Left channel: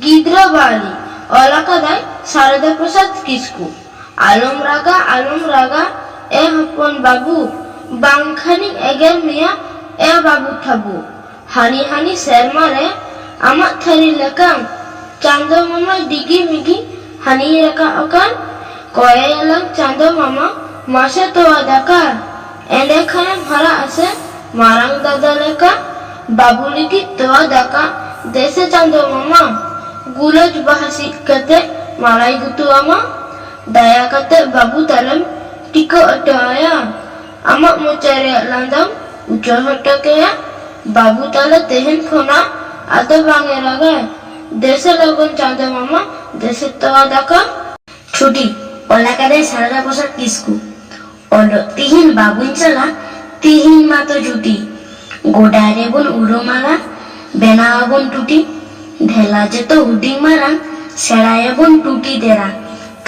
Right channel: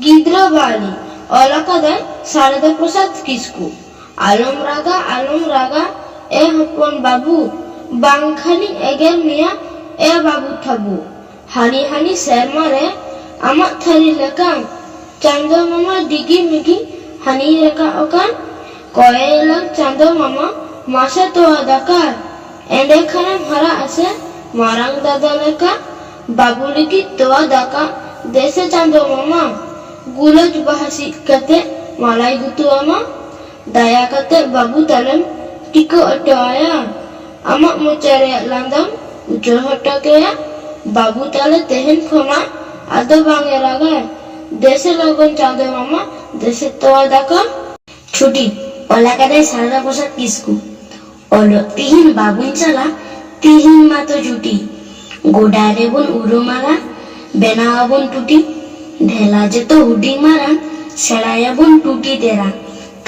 गिद्रा बाली ओलाकादाय शारदा प्रसाद किस्कू आलम रागा ए हपन बाबू बांखानी eager मिया ए बाबू थाबू हानी हानी शर्मा रे आमा थारी लकाम चांदो मामा डिगी मिगी हानी रका अकान कोयलक चांदो मामा मासे तो दाकार एंडे खाना हरा असे मारंग दादा लेका बाबू लिकी तो दाका देसे चांदो मामा गुलज bahasi kate malai gutu ama daya kate babu talam tiko ataya ama mocare landam ucor hotakaya babu tala tehen khona ado bangeraga dese logon chando mama dese toa daka ছুটি ওলাকাদায় সারদা প্রসাদ কিসকু অলো তিহিন বাবুন চালা তিহিন মাতো জুটি গোডারে বন উড়োমালা বেনাবন টুটি ढेला जतो हुडिंग मारान सेड़ाया बुन टूटी तेरा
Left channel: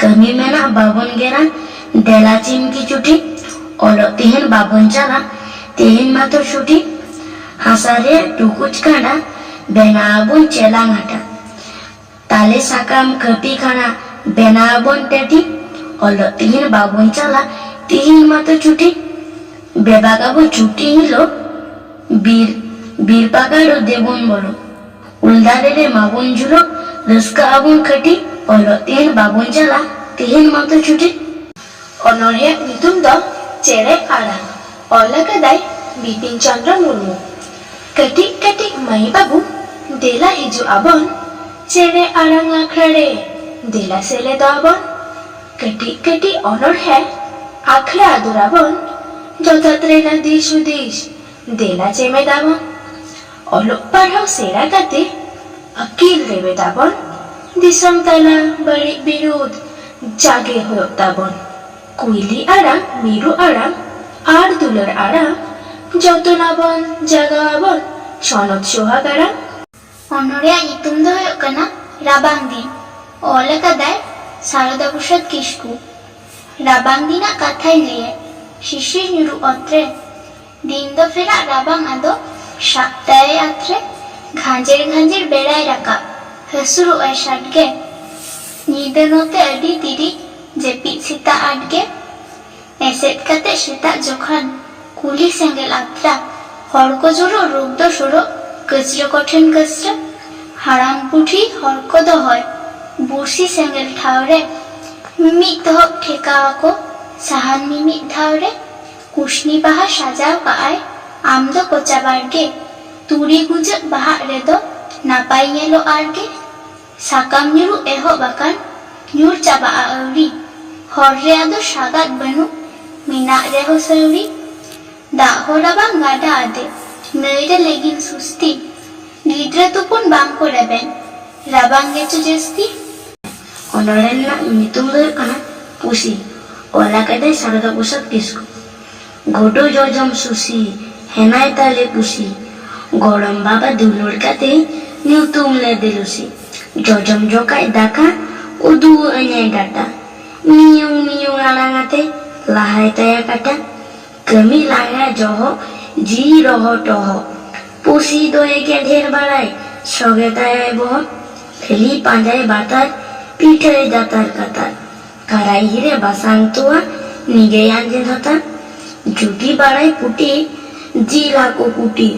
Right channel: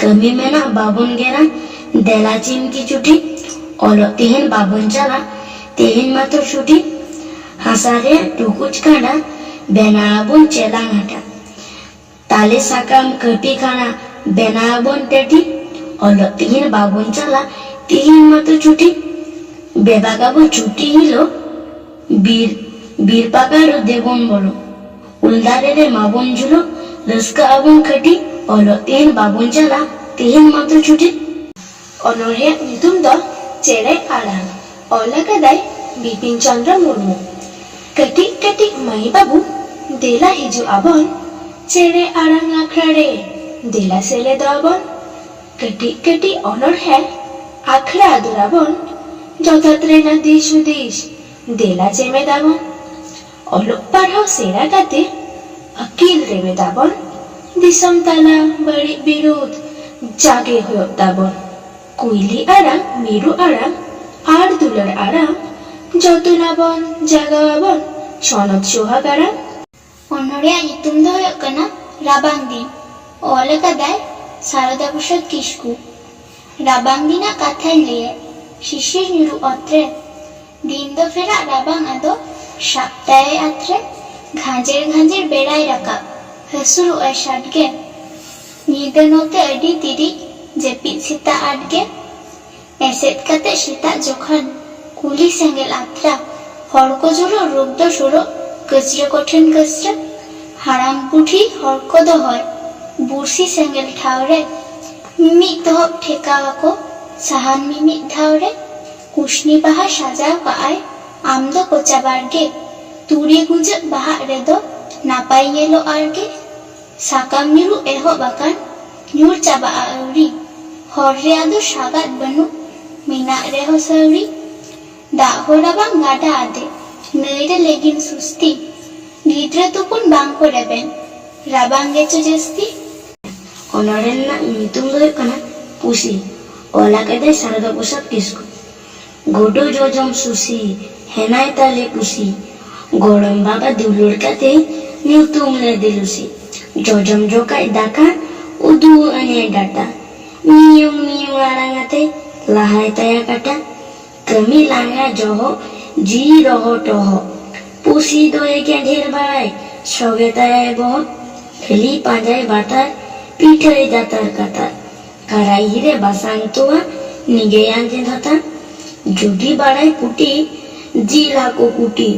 कमी मेना बाबुन गेरान डेला चिमकी चुटी ओलो तिहन बाबुन चला तिहन मातो छुटी हसारे टुकुच कांडा बेनाबुन चेलांग हटा ताले साकाम कपी खाना बेनाबुन टेटी ओलो तिहन बाबुन चला तिहन मातो छुटी बेबागाबो छुटी हिलो बीर पाकारो देबुन बोलो उल्दारे रे माबुन जुलो रस्का आबुन खटी ओलो तिहन बाबुन चला तिहन मातो छुटी अनोरिया नितुम द चेरे आड़ांग ओलाकादाय बिपिन चंद्र मुर्मू कटी कटी माई बाबू देला हिजु आबन चेरे आड़ांग आखड़े देला सेले दाबन कटी कटी अनोर है आखड़ा दुराबन जतत्रे ना दिश उदिश देला चेमे दाबन ओलो पढ़ाओ सेरा काते अकील रेवे दाबन दिसम तला बड़ी विरोध जागे हो दाबन कुइली आराम मीरू आराम आर दुलर आराम जतनाबन जागाबन सनद सोहाग आराम অনরিয়া নিতুম দ হয়ক কানা রাবাং দিন ওলাকাদায় শারদা প্রসাদ কিসকু রাবাং দিনা কাথাই লিয়ে শিশির নিরু অত্রে দিন দ ফেরা রাবাং আদো सप्ताहे आत्रे घांजेर बेड़ाय राका हसुरु ए शाटगे नीदनोते अडी तिरी जेपी सीता आटगे एसेट कते सीता जोखान कुली सेंगेल आत्रा हड़को जुरो रुग्ध सुरो कचरो कठिन कचरा हाराम पुठी हड़को दो होय बुरसी सेंगेल ठावरे मिट दहक ठेकावाको साहान मिमिट धावरे कुशनी बाहा साजाव काआय आम दो कोचा बारगे तुरी गुंजे बाहा रेदो नापाई येलो आरगे साकाम निरु एहो बाकान न्यूर चाबा आउरी हर्रे आदो सागात बनु मीना रेहो सौरी दा होराबा गाडा आदे नईरे लेगिन सुस्ती गिद्रे तुपुन बांको रेबेन राबांगे चो जस्ती ओनरेन ना नितुम दो कना पुसी ओलाकादाय सारदा प्रसाद किসকু गोडो जोजम सुसी हेनाय ताले पुसी गोड़म बाबा दुलुर काते न्यूतुम ले दिलुसी जोजम जोकाय दाका उदू अने डाटा मियुं आड़ांगाते लाहाय तया काटा कमी लागा जोहो जी रहो टोहो पुसी दोए के ढेर बाड़ाय सोगे ताय बहो खली पांजाय बातार पीठे दातार कातार कराई हिरे बासांग तुआ निगे आंजे धता जुटी बाड़ाय पुटी जिला को कुटी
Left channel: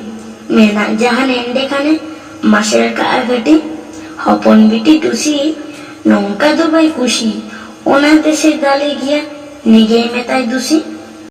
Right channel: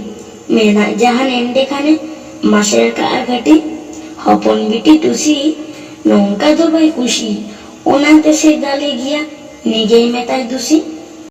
मेना जहान एंडे खाने मासेर का आगटी हपन बिटी टुसी नौका दो भाई खुशी ओनाते से दाले गया निगे में ताई दूसी